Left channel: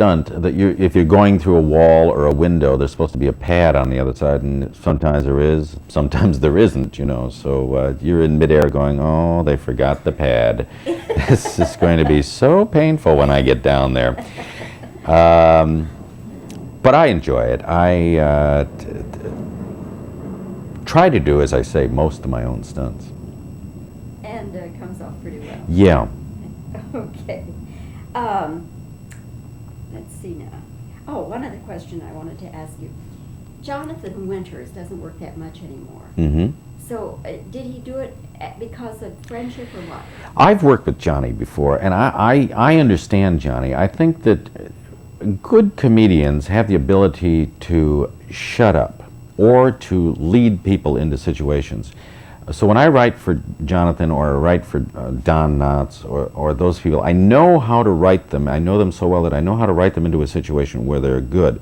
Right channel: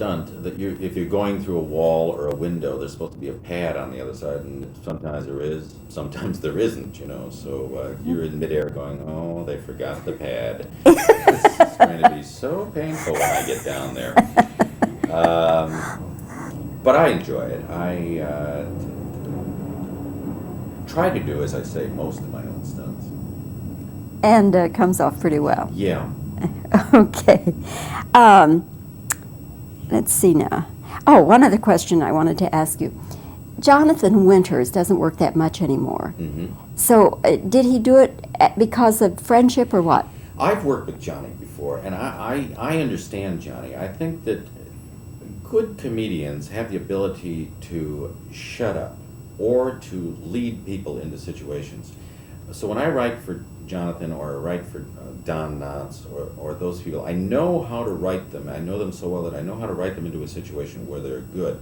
stunt that if you're going through a wall or a window, there's supposed to be a pad on the other side, and sometimes there is, sometimes there isn't, you know. So you're in midair going, oh, they forgot the pad. This is going to be so painful when I get down there. But I enjoy it. I try to do, as I say, most of my own stunts. And it comes off pretty well. Yeah. Okay. Let's see now. Oh, one other question I wanted to ask you. Jonathan Winters doesn't work that much anymore. Mm-hmm. So did he do it because of friendship or what? I've worked with Johnny before, and I understand Johnny. I think that good comedians have the ability to shut up or to lead people into situations. So when I write for Jonathan or write for Don Knotts or those people, I know how to write them. I know them so well that I know how to write them into a situation where they're good.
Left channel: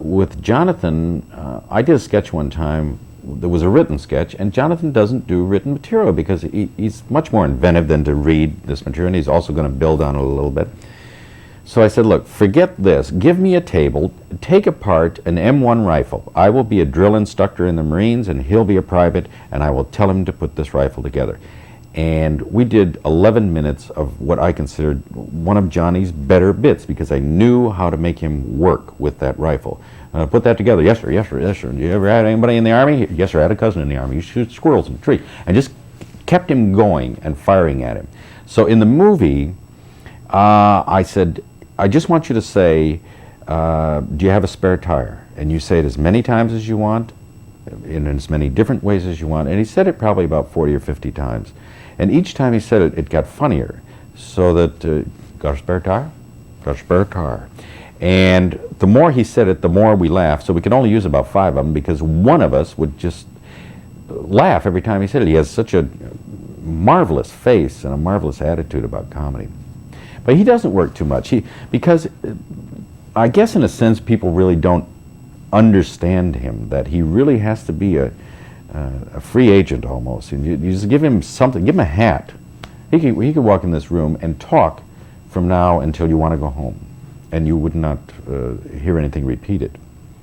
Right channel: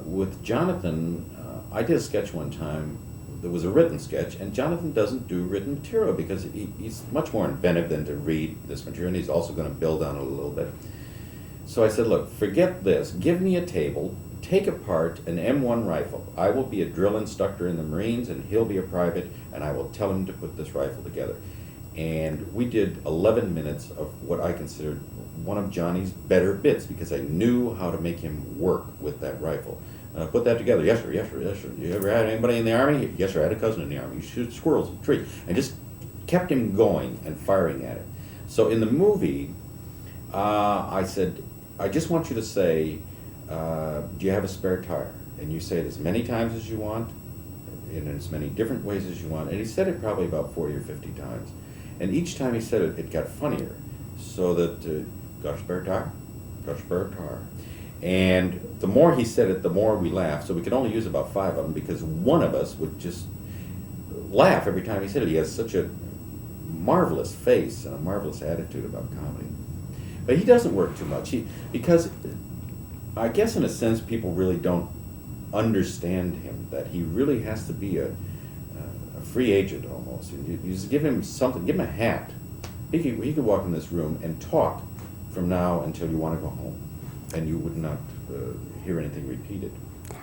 With Jonathan, I did a sketch one time. There was a written sketch, and Jonathan doesn't do written material because he's much more inventive than to read this material, and he's also going to build on it a little bit. So I said, look, forget this. Give me a table, take apart an M1 rifle. I will be a drill instructor in the Marines, and he'll be a private, and I will tell him to put this rifle together. And we did 11 minutes of what I considered one of Johnny's better bits, because I knew how to make him work with that rifle. Put that together. Yes, sir, yes, sir, yes, sir. Do you ever had anybody in the Army? Yes, sir, I had a cousin in the Army. You shoot squirrels in the tree. And just kept him going and firing at him. So in the movie, I said, I just want you to say, do you have a spare tire? And you say it as many times as you want, in as many different ways as you want. And he said it probably about 40 or 50 times. And each time he said it, it got funnier. So that, got a spare tire? Got a spare tire. And the more he said it, the more we laughed. So we could only use about 5 of them because one of us would just laugh every time he said it. He has such a marvelous face and a marvelous attitude about comedy. But he doesn't work too much. Because I guess in a sense people really don't understand him, that he really has to be a free agent almost. And you just give him something, give him a hat. He could walk in this room and talk from now until you want to go home, and you would not hear anything repeated.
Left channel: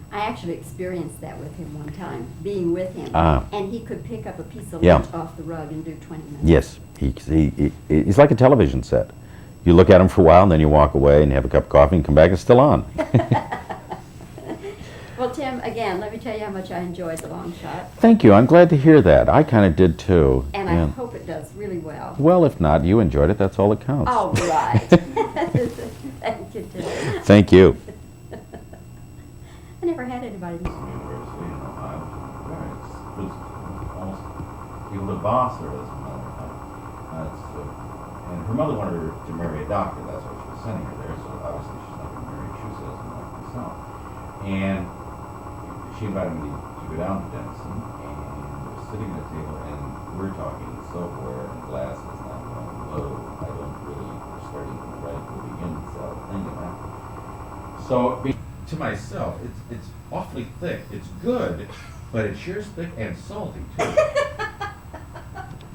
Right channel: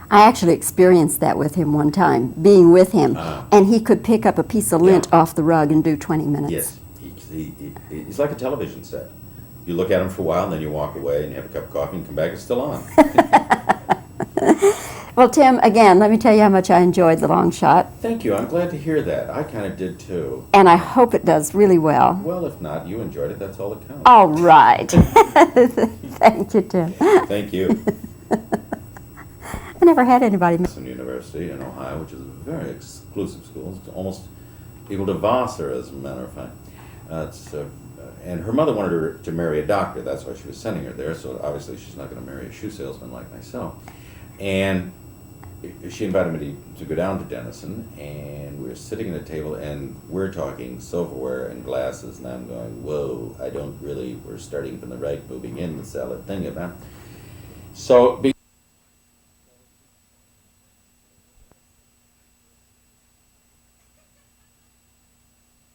I actually experienced that with him one time, being with him, and he could pick up a piece of lint off the rug and do 20 minutes. Yes, he's like a television set. You look at him for a while, and then you walk away, and you have a cup of coffee, and come back, and it's still on. Well, Tim, again, let me tell you how much I enjoyed The Long Shot. Thank you. I'm glad to hear that. I kind of did, too. And I hope it does really well. Well, if not, you enjoyed it. That's all that counts. All right. Thank you, Tim. Thank you. I never had anybody. University in Ohio, which is a very exclusive school. It's almost equal to Vassar, as a matter of fact. And her mother wanted her to marry a doctor. That's why she was sending her there. So obviously she's not going to marry a shoe salesman like myself. And she invited me to go down to Denison, and we were sitting at a table, and we're talking silverware and glasses, and I'm going, whoa, I don't really, we're starting from the right, moving in to sell a thing of that. So, to myself, it's awfully thick. It's good, but it sure is thick and salty, too.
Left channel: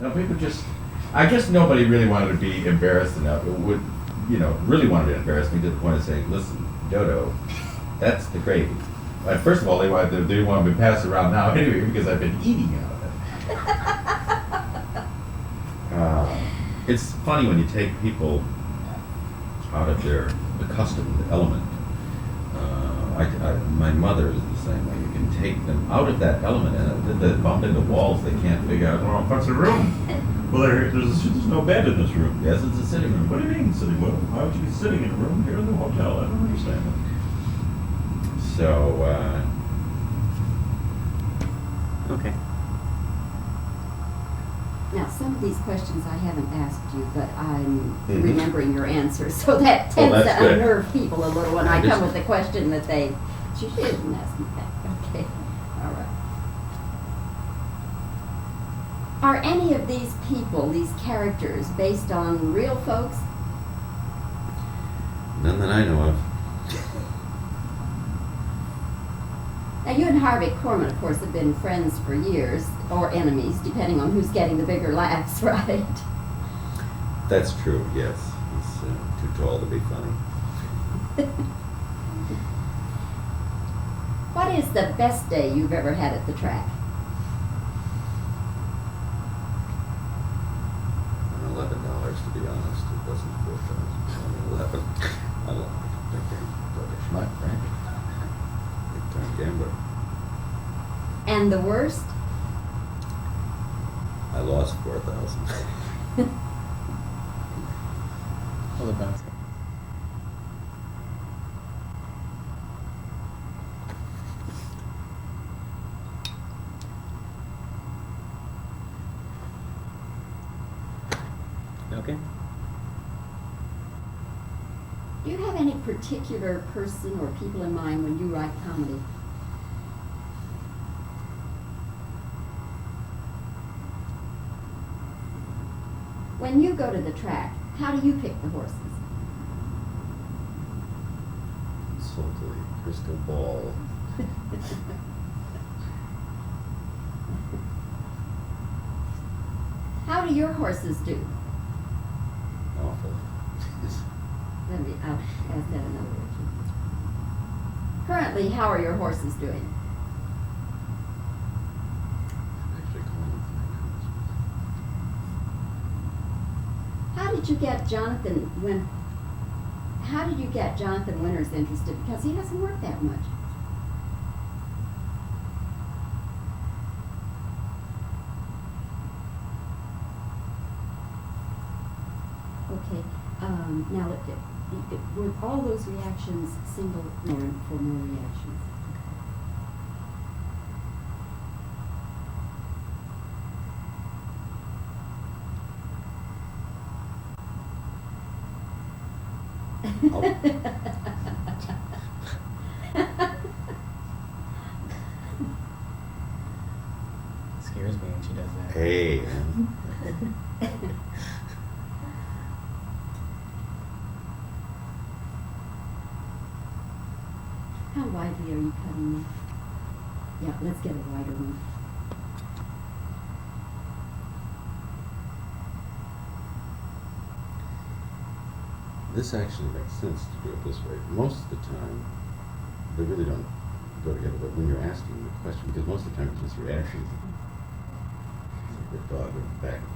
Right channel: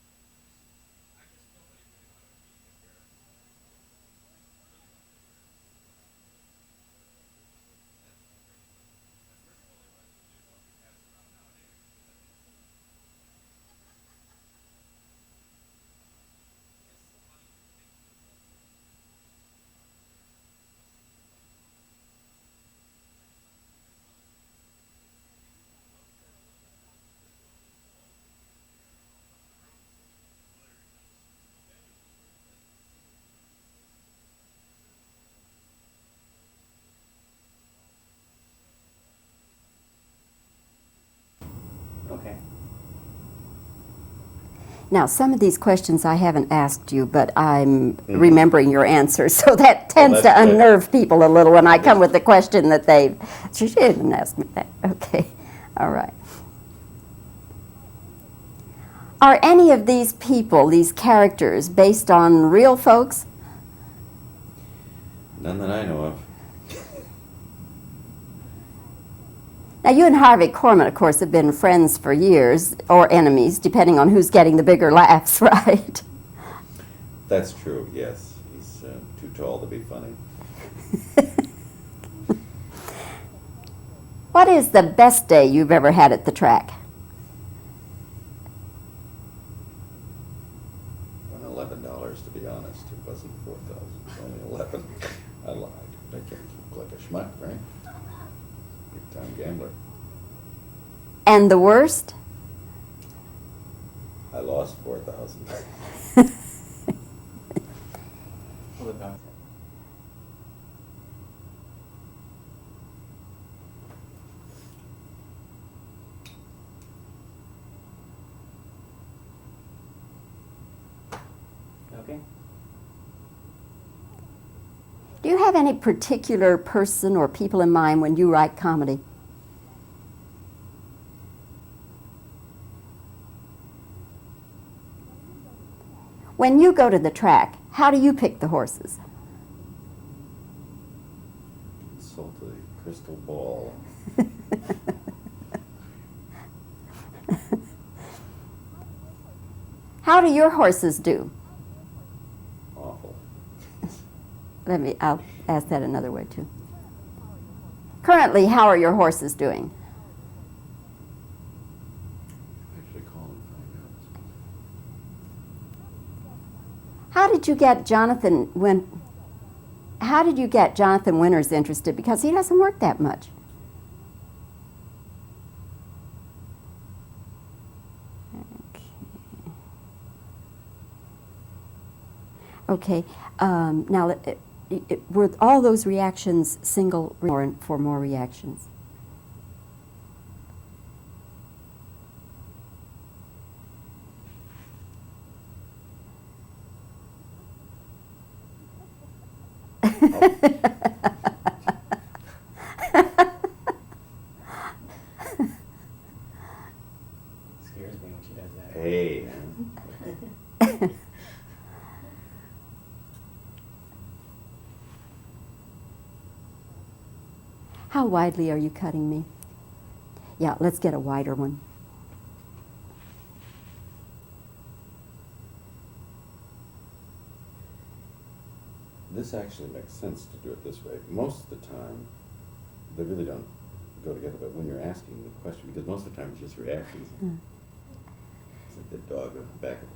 Now, people just, I guess nobody really wanted to be embarrassed enough. It would, really wanted to embarrass me to the point of saying, listen, Dodo, that's the gravy. First of all, they want me to pass it around now anyway because I've been eating out of it. It's funny when you take people out of their accustomed element. My mother is the same way. You can take them out of that element, and they bump into walls they can't figure out. Well, what's the room? Well, there's no bed in this room. Yes, it's a sitting room. What do you mean sitting room? Why would you be sitting in a room here in the hotel? I don't understand that. So, okay. Now, some of these questions I haven't asked you, but I'm remembering your answers, so that tends to unnerve people a little when I come with the question that she didn't ask me that. Okay, all right. Are any of these people, these characters, based on real folks? None that I know of. Now, you and Harvey Korman, of course, have been friends for years, or enemies, depending on who's getting the bigger laughs, right? That's true, yes. He's too tall to be funny. What is the best day you've ever had at the track? $11, to be honest. It wasn't 4,000. 11. I lied. I can't keep like a schmuck, right? Big time gambler. And the worst? I lost 4,000. Hold it back. Okay. Do you have any particular person or people in mind when you write comedy? When you go to the track, how do you pick the horses? Salty crystal ball. How do your horses do? Awful. I'll ask that another way too. Currently, how are your horses doing? Actually calling them How did you get Jonathan Winters interested? Because he doesn't work that much. Okay. Now, were all those reactions single or for more reactions? Scares me when she does that. Hey, man. How widely are you cutting me? Yeah, let's get a wider one. This actually makes sense to do it this way. Most of the time, they really don't go together, but when you're asking the question, because most of the time it's just reactions. It's like the dog in the back of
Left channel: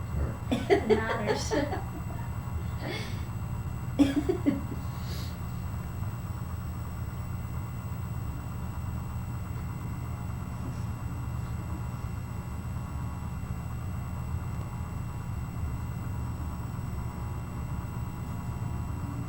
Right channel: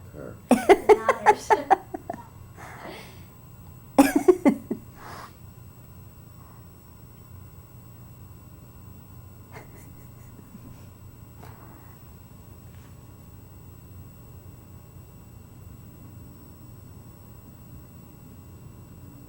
the car.